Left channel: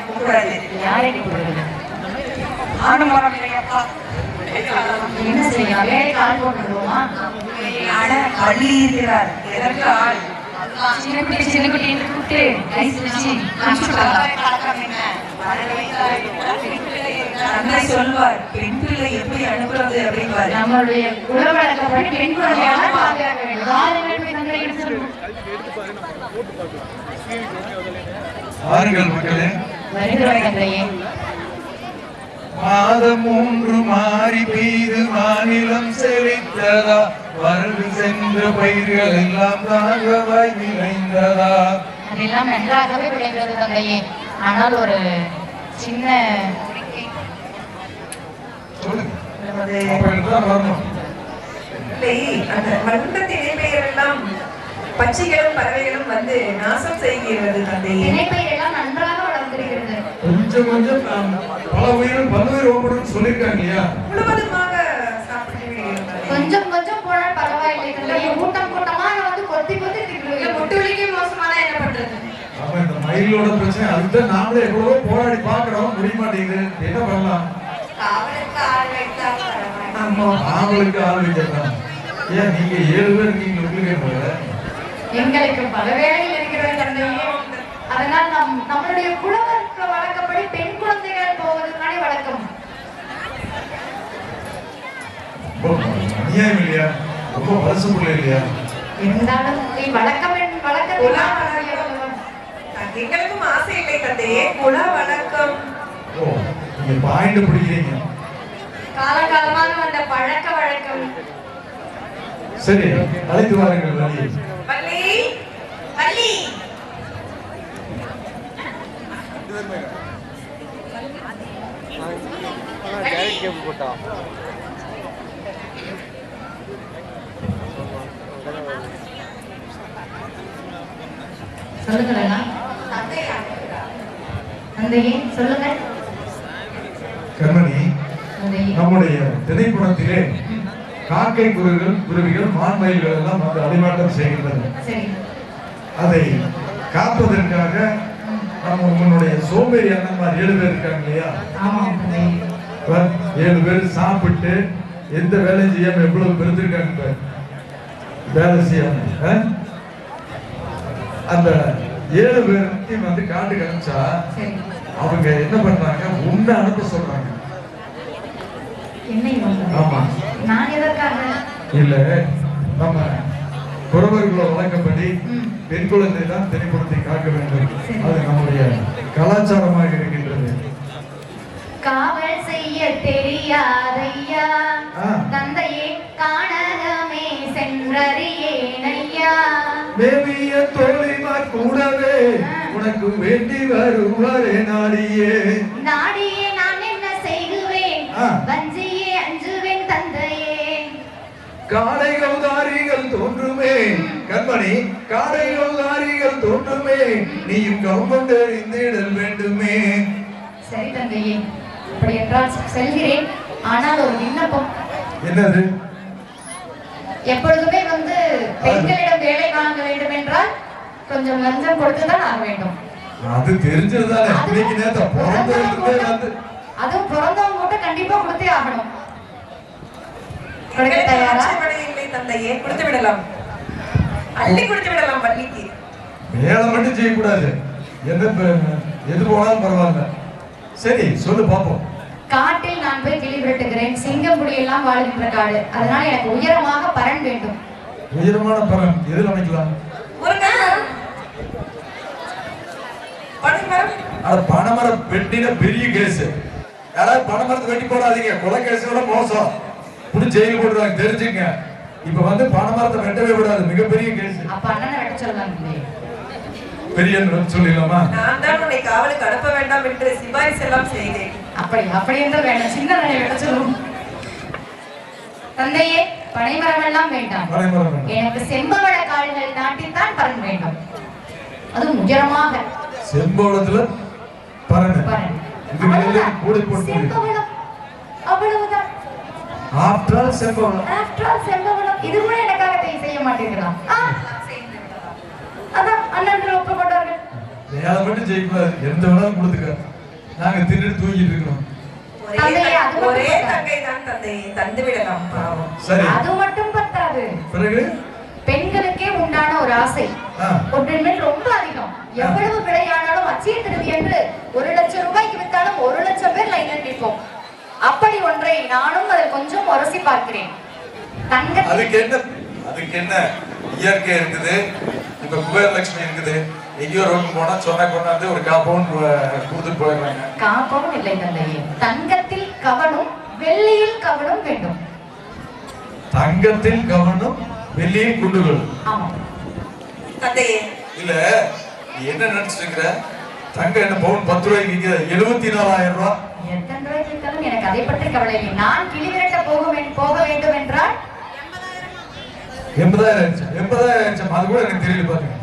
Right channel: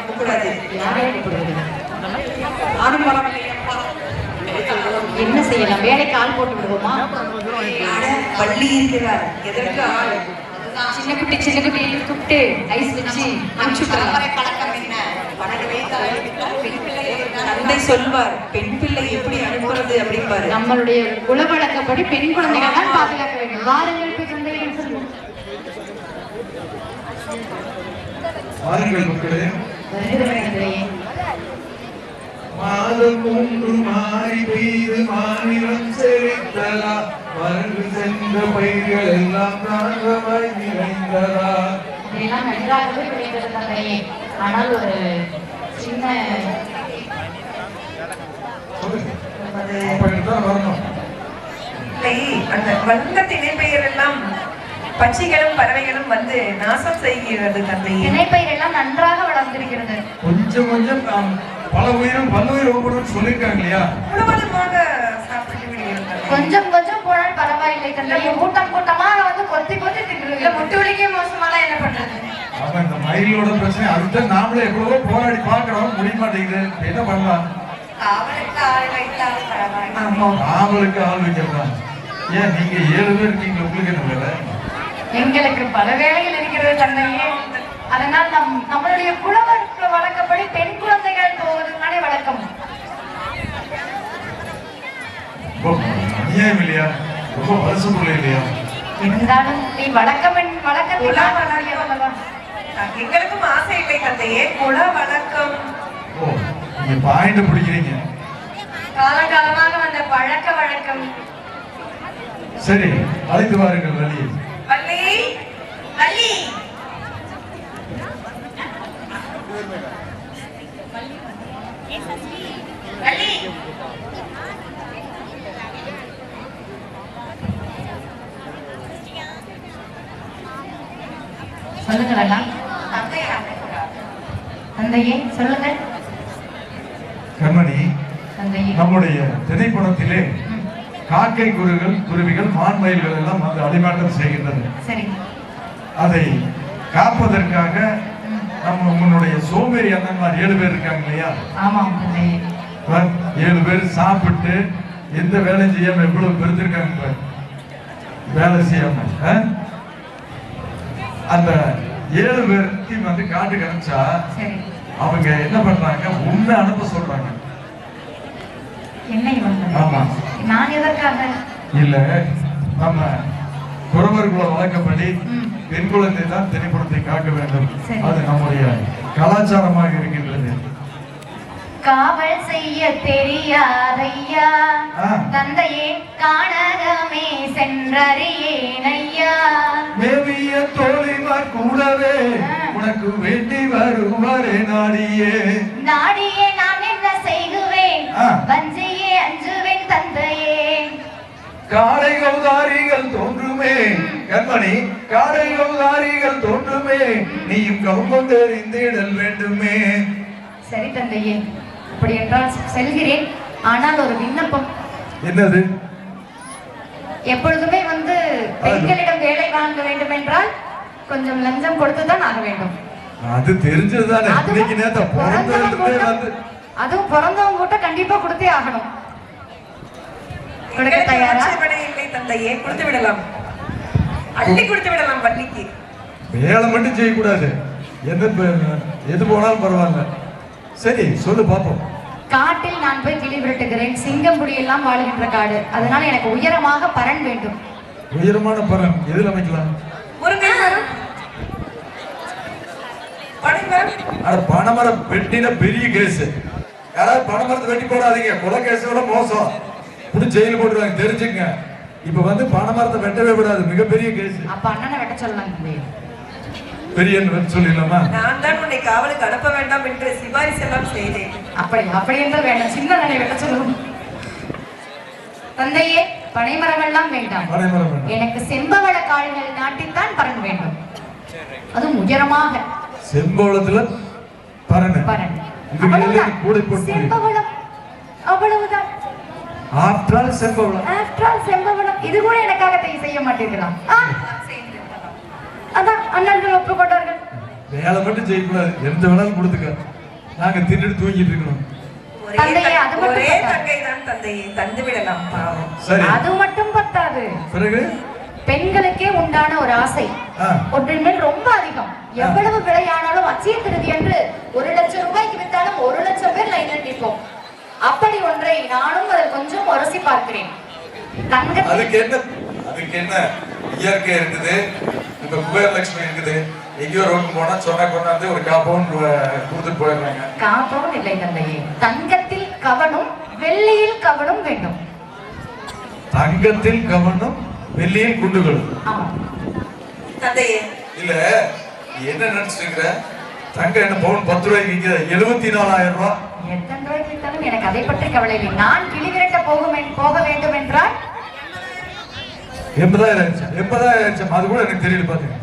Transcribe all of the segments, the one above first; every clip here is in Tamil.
அந்த யாரை கூப்பிடுறது என்ன செய்யலாம் வேலைக்கு ஆள் போட்டு பள்ளி இருக்கிறார் எதற்கு ஆள் சின்ன குட்டி சின்ன குட்டி கூப்பிட்டு ஐஸ் வச்சு அனுப்பிச்சுக்கலாம் சொல்வார் பெண் பிள்ளை எப்படி அனுப்புறது அப்படிம்பாரு நம்மளுடைய உலகப்படி பெண் குழந்தைகளை தான் பாதுகாக்க வேண்டும் வாருங்கள் மக்களே. மாதம் மூன்று மாறி பெய்து மாநிலம் செழித்ததா? வரவு சென்ற பயிர்கள் எல்லாம் தாகவாய் நிறைந்ததா? இதெல்லாம் நன்றாகவே ஆனால் ஒரு சின்ன அந்த எல்லாம் பட்சிகளும் பறவைகளும் வந்து நாசம் செய்கிறது தந்தையே திணைப்பயிர் எல்லாம் நன்றாக கொஞ்சம் கொஞ்சம் பல உயிரும் பல்லுயிர் ஓப்படும் சொல்லியிருக்காங்க இல்லையா முழுவதுமாக. கொஞ்சம் கொஞ்சம் போனால் பரவாயில்லை தந்தைய கூட்டம் கூட்டமா வந்து கொத்தி கொத்தி திட்டுறது. முட்டு வலிக்கே மோசமான என்ன பண்றது? இந்த மயிலோட பிரச்சனை. அதுதான் நாமளே எவ்வளவோ போராடி பார்க்கிறோம். முடிய மாட்டேங்குது. என்ன பண்ணலாம்? ஆமா. நாமளுக்கு ஆள் வைக்கிறதான் ஏன் நீங்க ஏழு பேர் இருக்கீங்க உங்களுக்கு என்ன வேலை? எங்களுக்கு பல வேலைகள் இருக்கிறது தந்தையே அதனால் நம் நம்மளுடைய குலவர்க்க வழக்கப்படி பெண் குழந்தைகள் போவதுனாலே வழக்கம். அநியாயம் இல்லையா? ரொம்ப வருஷப்படல இல்லையா? இருந்தாலும் நீ வழக்கம் வழக்கத்தில்? எங்களுக்கும் ஆசை இல்லை தந்தையே குல வழக்கம். ஓ நீங்க பாயிண்ட் பிடிக்கிறீங்க. காலகாலமாக வந்த பழக்க வழக்கம். சரி அழைத்து வாருங்கள் லலி வள்ளி வள்ளி. சொல்லுங்க வேணா அழைக்கிறார். தந்தையே. சொல்லுங்க கண்மணி நம்முடைய திரைப்படத்திலே காக்கை குருவிகள் குருவிகள் மான்மயில்கள் எல்லாம் வந்து அடிமாட்டம் செய்கின்றன சரி. அதை காப்பதற்காக நம்ம உன்னுடைய சோம்பேறி அண்ணன்மார் ஏழு பேர் இருக்காங்க இல்லையா ஏழு பேர் சாப்பிட்டு எந்த வேலையும் செய்யாம எவ்வளவு பெருந்திருக்காங்க பார். வேலை செய்யாம? அந்த ஏழு பேர்த்தையும் வந்து காட்டுக்கு அனுப்பிச்சா அவங்க என்ன பண்றாங்க உன்னை அனுப்ப சொல்றாங்க ஆமா. இல்ல நம்ம குறவர்களோட வழக்கப்படி. பெண் குழந்தை தான் திரைப்படத்தை காக்க வேண்டும். அது நம்முடைய கலாச்சாரமாக இருக்கின்றது. காவல் செய்ய தெரியாதையா. தந்தையே காணகமே சென்றறியேனையா. மேவிய தோழிமார் கூடவே உனக்கு வேண்டி வருவாரே நாடியே. நாடியே நான் என்ன செய்துவேன்? ஆ. வஞ்சியே அஞ்சுவேன் தந்தையே. காடை கௌதாரிகள் தோன்றுமே. கண்மணி காடை கௌதாரிகள் தோன்றுமே. நீயும் கவுமங்க இந்திடல் வேண்டுமே. சரி தந்தையே அப்படி என்றால் செல்கிறேன். ஆனால் ஒரு விண்ணப்பம். என்னது? எப்பொழுதுமே வந்து பெண்களிடம் வேலை வாங்க வேண்டும் என்றால் கொஞ்சம் லஞ்சம் கொடுத்துதான் ஆக வேண்டும். அது தெரிஞ்சதுதானே. பிறந்தவங்க அதுவும் பிறந்தவங்க கூட கண்டிப்பா கொடுத்தே ஆகணும். எங்களுக்கு தயாரா? இல்லை தந்தையே கொடுத்து விடலாம் அள்ளி கொடுத்து விடலாம் வள்ளிக்கு வேலை மட்டும் செய்யக்கூடாது. எது எது போனாலும் பரவாயில்ல. சரி சொல்லு பாப்போம் காட்டில் நான் போய் கிளி விரட்டுகிறேன். சிங்கம் புலி எல்லாம் வாழுகின்ற காடு. அதனால எனக்கு உயரமாக பரன் வேண்டும். உயரமான பலன் எதில் அமைக்கலாம்? பனைமரம் வெட்டின பெரிய கேஸ். யாராவது பனைமரத்தை வெட்டி போடாதீங்க. கொலை கேஸ் விட மோசம். புடி ஜெயில போட்டுருவாங்க தெரிஞ்சுங்க. இப்ப வந்து பனைமரத்தை வெட்டவே விடாது மிகப்பெரிய கேஸ். அப்ப அண்ணனை வெட்ட சொல்லலாம் இல்லையே பெரிய சொல்லிடலாமா? நான் தான் உன்னை காவலுக்கு அனுப்ப வேண்டாம் என்று சிபாரிசு எல்லாம் செய்தேன். அப்படி அப்படி என்று வேண்டாம். சின்ன நாளை வெட்ட சொல்லுவோம். தந்தையே பனைமரம் எல்லாம் வேண்டாம். எனக்கு செம்பவள காடுகள் நாட்டில் தான் பரன் வேண்டும். அதுவும் உயரமாக. செம்போளத்துல பரணு பரன். மேலே அவ்வளவுதான். போட்டு செம்பவளம் all, செம்பவளம் இது கூட எனக்காக செய்ய மாட்டீர்களா ஆ, அதான் அண்ணன்கள் ஒப்புக்கொண்டார்கள் வேலை மட்டும் செய்யக்கூடாது எந்த வேணாலும் கொடுத்துக்க. நாங்க தின்னுட்டு தூங்கிட்டு இருக்கணும். ஒரே அது தங்கை- மட்டும் ஒரே போதாது. தங்கை தான் தந்தையை தந்து விடலாம் பாவம் சரி. அது மட்டும் பத்தாது. பிறகு? பெண்களுக்கே உண்டான ஒரு ஆசை. ஒன்றின் ரொம்ப அதிகம். எவ்வளவு விலையானாலும் அச்சய திருப்பி என்று ஒரு லட்சம் ரூபாய்க்கு வித்தாலும் ஒரு லட்சம் பேர் லைன்ல நிற்போம். அப்படி ஒன்றை நானும் அதை கொஞ்சம் உரசி பார்க்கிறேன். அதுக்கு என்ன? அதுக்கு என்ன? இயற்கை இருக்குது. இப்ப குபேரலட்சுமி இருக்குது. எங்கேயோ ரோடு போனா சொன்னா கொண்டாந்து ஒரு காம்பவுண்ட் கொடுத்துட்டு போயிடுறாங்க. காப்பவும் இல்லை தந்தையே. தங்கத்தில் கவனம் வெள்ளியில் கவனம் வேண்டும். தங்கத்தில் கவனம் வெள்ளியில் குண்டுகள் ஆமா. தந்தையே. இல்ல என்ன நினைச்சிட்டு தங்கம் என்ன பவுன் பத்து ரூபாய்க்கு விற்கிது எழுபத்தி நாலாயிரம் ரூபாய் எத்தனை ரூபாய் வித்தாலும் எனக்கு அதை பற்றி கவலை இல்லை. நான் கிளிவிரட்ட போக போக வேண்டும் என்றால்? எண்பதாயிரம் எண்பதாயிரம் ஆயிடுச்சு? அது கூட எனக்கு தெரியல பாருங்க.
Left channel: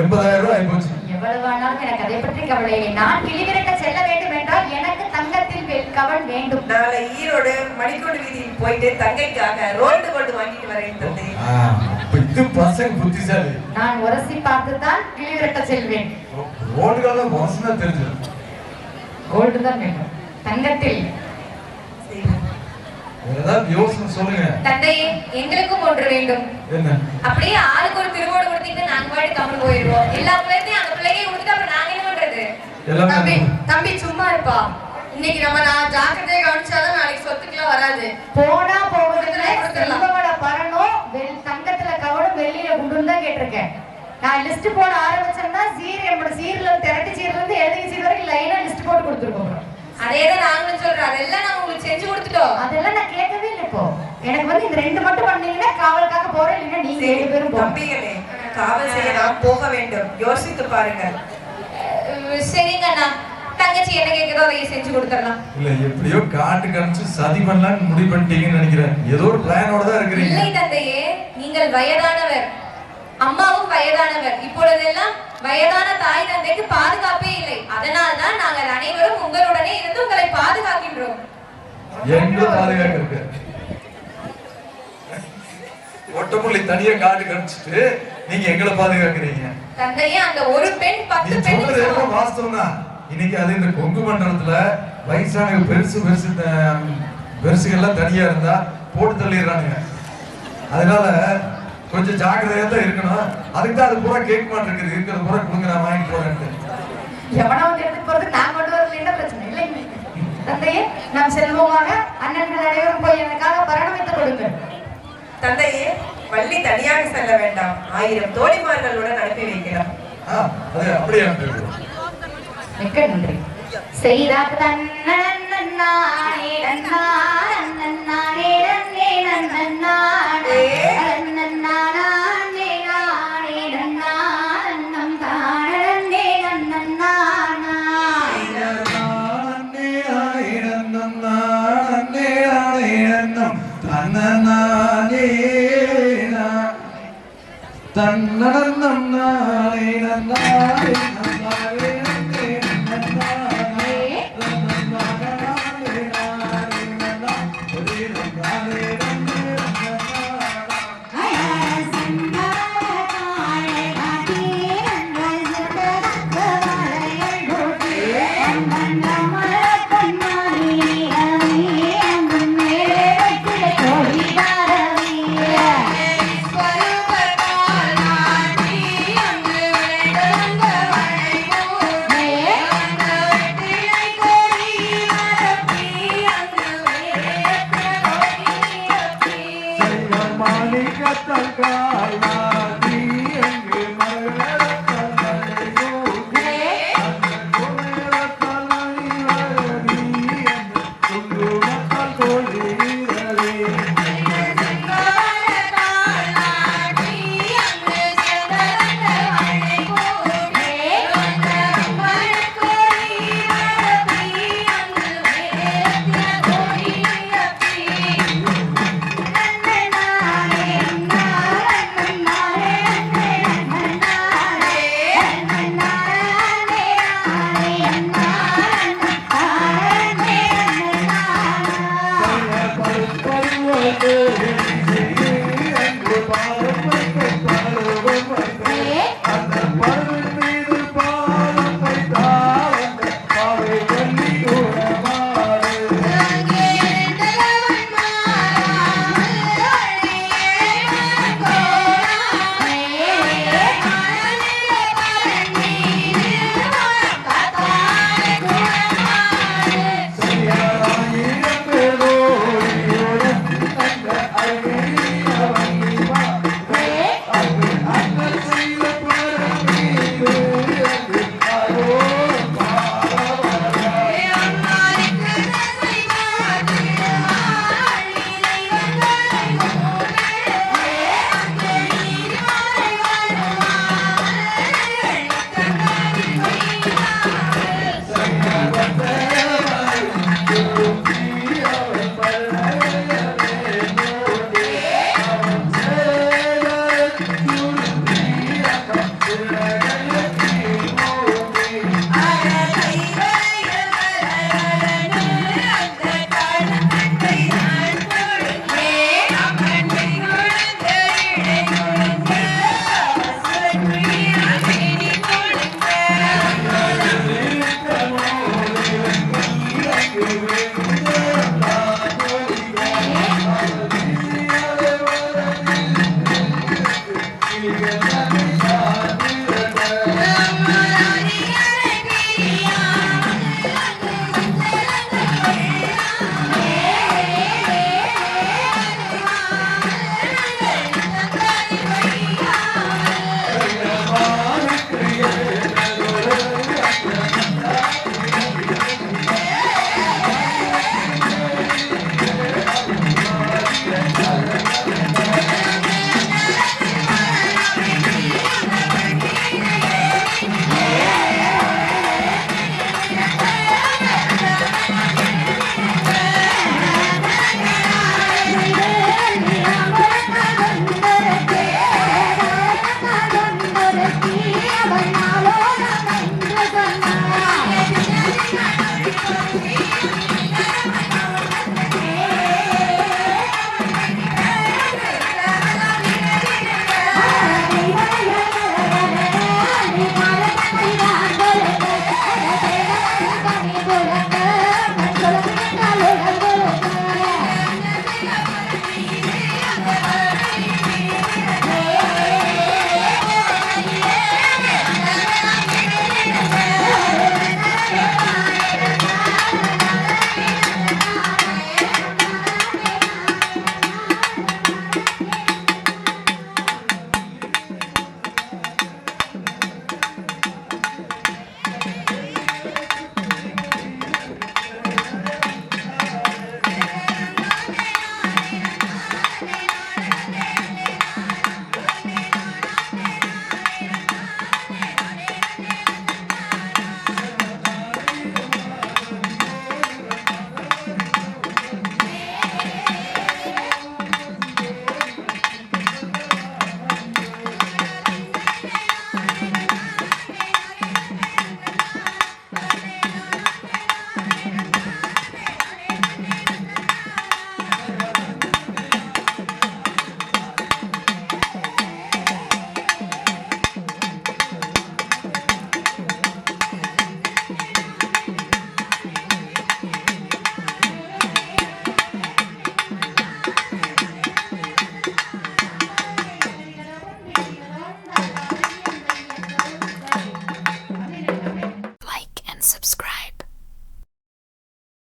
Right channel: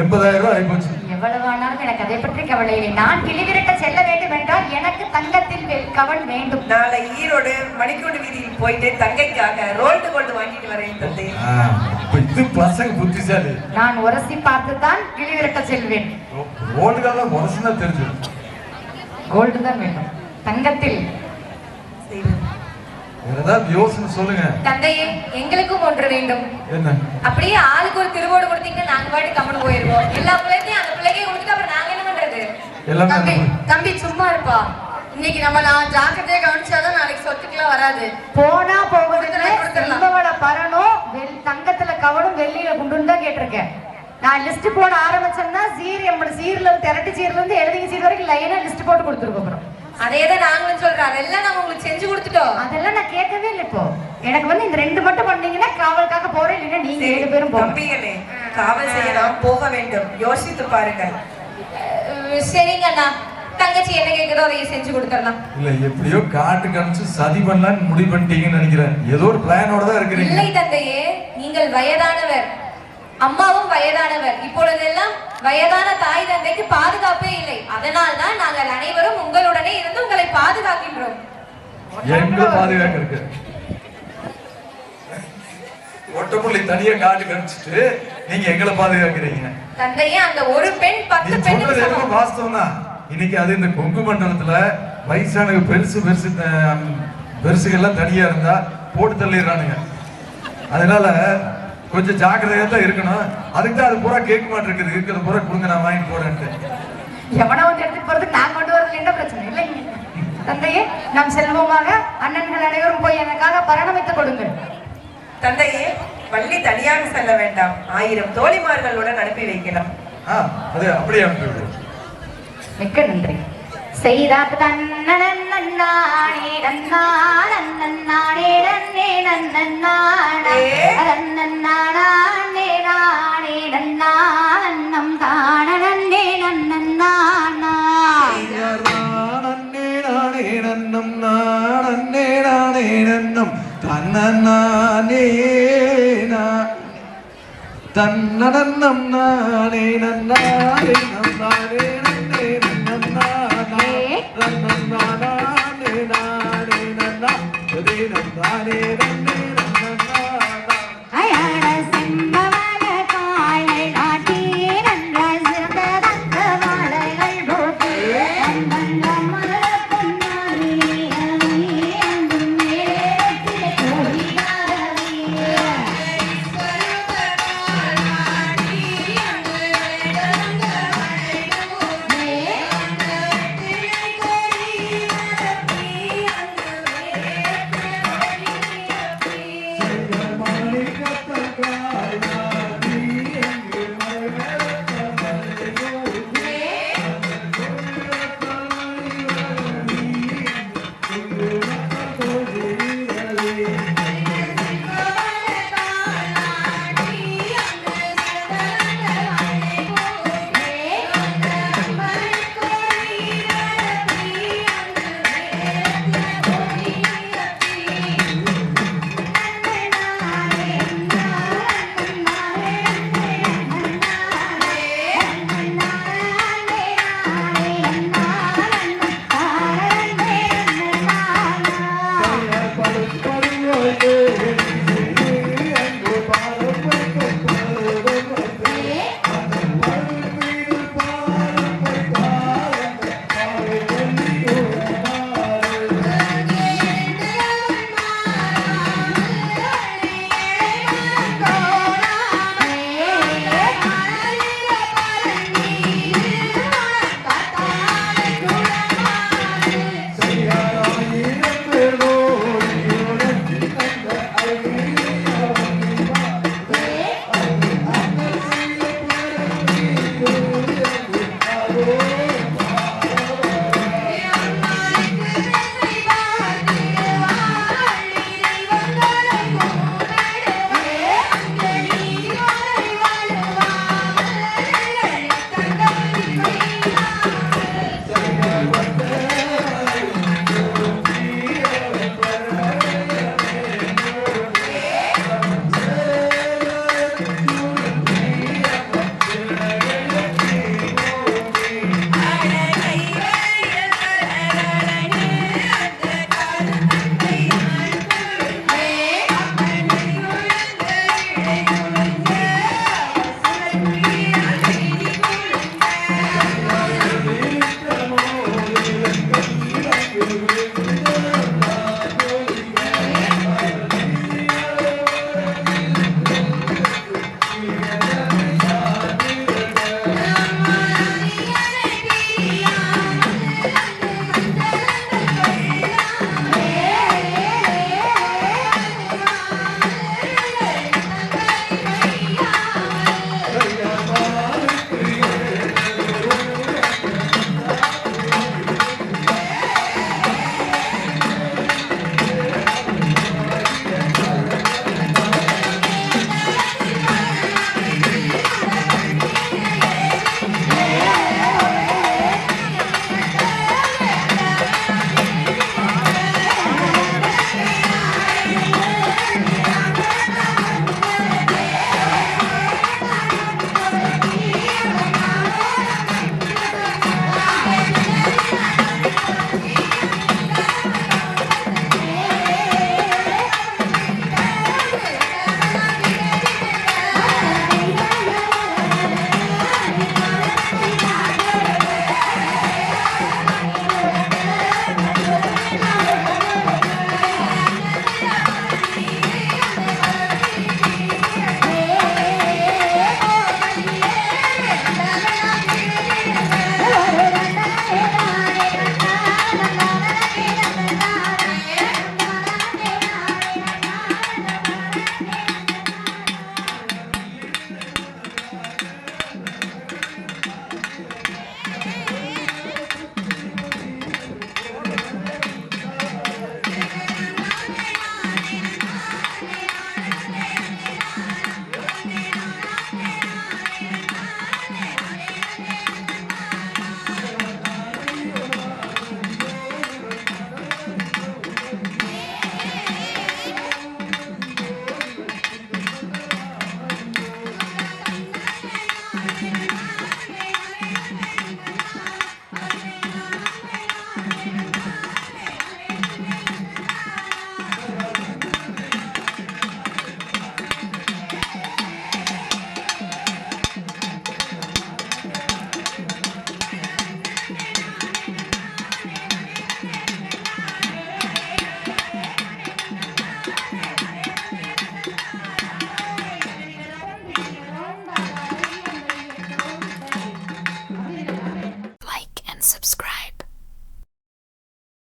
எண்பதாயிரம் ரூபாய் ஆயிப்போச்சு. எவ்வளவு ஆனாலும் எனக்கு அதை பற்றி கவலை இல்லை. நான் கிளிவிரட்ட செல்ல வேண்டும் என்றால் எனக்கு தங்கத்தில் கவன் வேண்டும். நாளை ஈரோடு மணிக்கூடு வீதிக்கு போயிட்டு தங்கைக்காக ரோட்டு கோல்டு வாங்கிட்டு வரேன் தந்தை ஆ, இப்ப இது பசங்க புத்திசாலி. நான் உரசி பார்த்துதான் கிளிவிரட்ட செல்வேன். ரோடுகள மோசம் தான் தெரிஞ்சிடும் கோல்டு தான் வேண்டும் தங்கத்தில் வேற ஏதாவது யோசனை சொல்லுங்க தந்தையே எங்களுக்கும் ஒன்று வேண்டும் என்ன அப்படியே ஆளுக்கு ஒரு திருவோடு கொடுத்தீங்கன்னா நாங்க பாட்டு கம்மன் போயிருவோம் எல்லா பிள்ளைத்தையும் அந்த பிள்ளையை விட்டுட்டு அப்புறம் நாங்க என்ன பண்றது எல்லாமே தம்பி தம்பி சும்மா இருப்பா இன்னைக்கு நம்ம நான் ஜாக்கிரதையா கவனிச்சாதான் நாளைக்கு சொத்துக்குலாம் வராது போனா கொடுத்துடலாம். செல்வவள பரணும் வெள் தங்கத்துல கவனம் வெள்ளியில குண்டுன்னு தான் கேட்டிருக்கேன் நான் லிஸ்ட் போட ஆரம்பிச்சேன்னா சீர் நம்மளோட சீர்ல திரட்டு சீர்ல இருந்து எழுதி சீர் வரைக்கும் லைனா லிஸ்ட் போட்டு கொடுத்துருக்கோம். அதேதான் நாங்களும் சொல்றோம். அதெல்லாம் நம்ம உங்களுக்கு செஞ்சு கொடுத்துட்டோம். அதெல்லாம் நான் கேட்கவே இல்லை இப்போ. எனக்கு வந்து இந்த ரெண்டு மட்டும் பண்ணீங்கன்னா காவலுக்காக போறேன் இல்லைன்னா நீங்க ஏழு பேரும் தம்பிகளே காவல் செய்யலாம் போக வேண்டும். யோசித்து பாருங்கள். அஹ் சரிங்க அண்ணா. தங்கச்சி என்ன கேக்குதோ அதை செஞ்சு கொடுத்துடலாம். இல்ல எப்படியோ காட்டு காமிச்சு சதி பண்ணலாம்னு முடிவு பண்ணிட்டீங்கன்னு நினைக்கிறேன். ஏதோ ஒரு பிளானோட தான் இருக்கிறீங்க. இல்லை தந்தையே நீங்கள் வயதானவர். அம்மாவும் வயதானவர். இப்பொழுதெல்லாம் வயதான தாய் தந்தைக்கு பாதுகாப்பே இல்லை. அதனால்தான் நாங்கள் அனைவரும் உங்களுடனே இருந்து உங்களை பாதுகாக்கின்றோம். எங்க பாதுகாக்க இருக்கு ஒட்டமுள்ளி தனியா காட்டு காமிச்சிட்டு நீங்க எங்களை பாதுகாக்கிறீங்க. தந்தையே அந்த ஒரு பெண் பத்து பெண் வாஸ்தவம் தான் இன்னைக்கு அது இந்த கொங்கு மண்டலத்துல வயசான பெருசு பெருசு பெருசுகள்லாம் தனியா இருந்தா போட்டு தள்ளிடுறானுங்க. அதனால கொஞ்சம் ஜாக்கிரதையா தான் இருக்கணும். அதுக்கு தான் அது பூரா கேட்க மாட்டேங்குது இருக்கிறது பூரா கொடுங்க நான் வாங்கி போறேன்ட்டு. எவனை வந்து எடுத்துட்டு போறதுக்கு நான் கொண்டு வரல என்ன பிரச்சனை? இல்லை தந்தையே நாம் செல்வோமாக அண்ணன்கள் அனைவரும் போய் எனக்காக பரணமித்து கொடுங்கள் தந்தையே வள்ளி தனியாக செல்ல வேண்டாம். ஆயிரம் தோழிமார்களுடன் அனுப்பி அது அப்படியே அனுப்பி விடுவோம் மிக்க நன்றி. செய்தார் தன்னே തന്നടന്നം നാളെ നന്നാളെ നന്നാളെ നന്നാളെ നന്നാളെ Tatagaya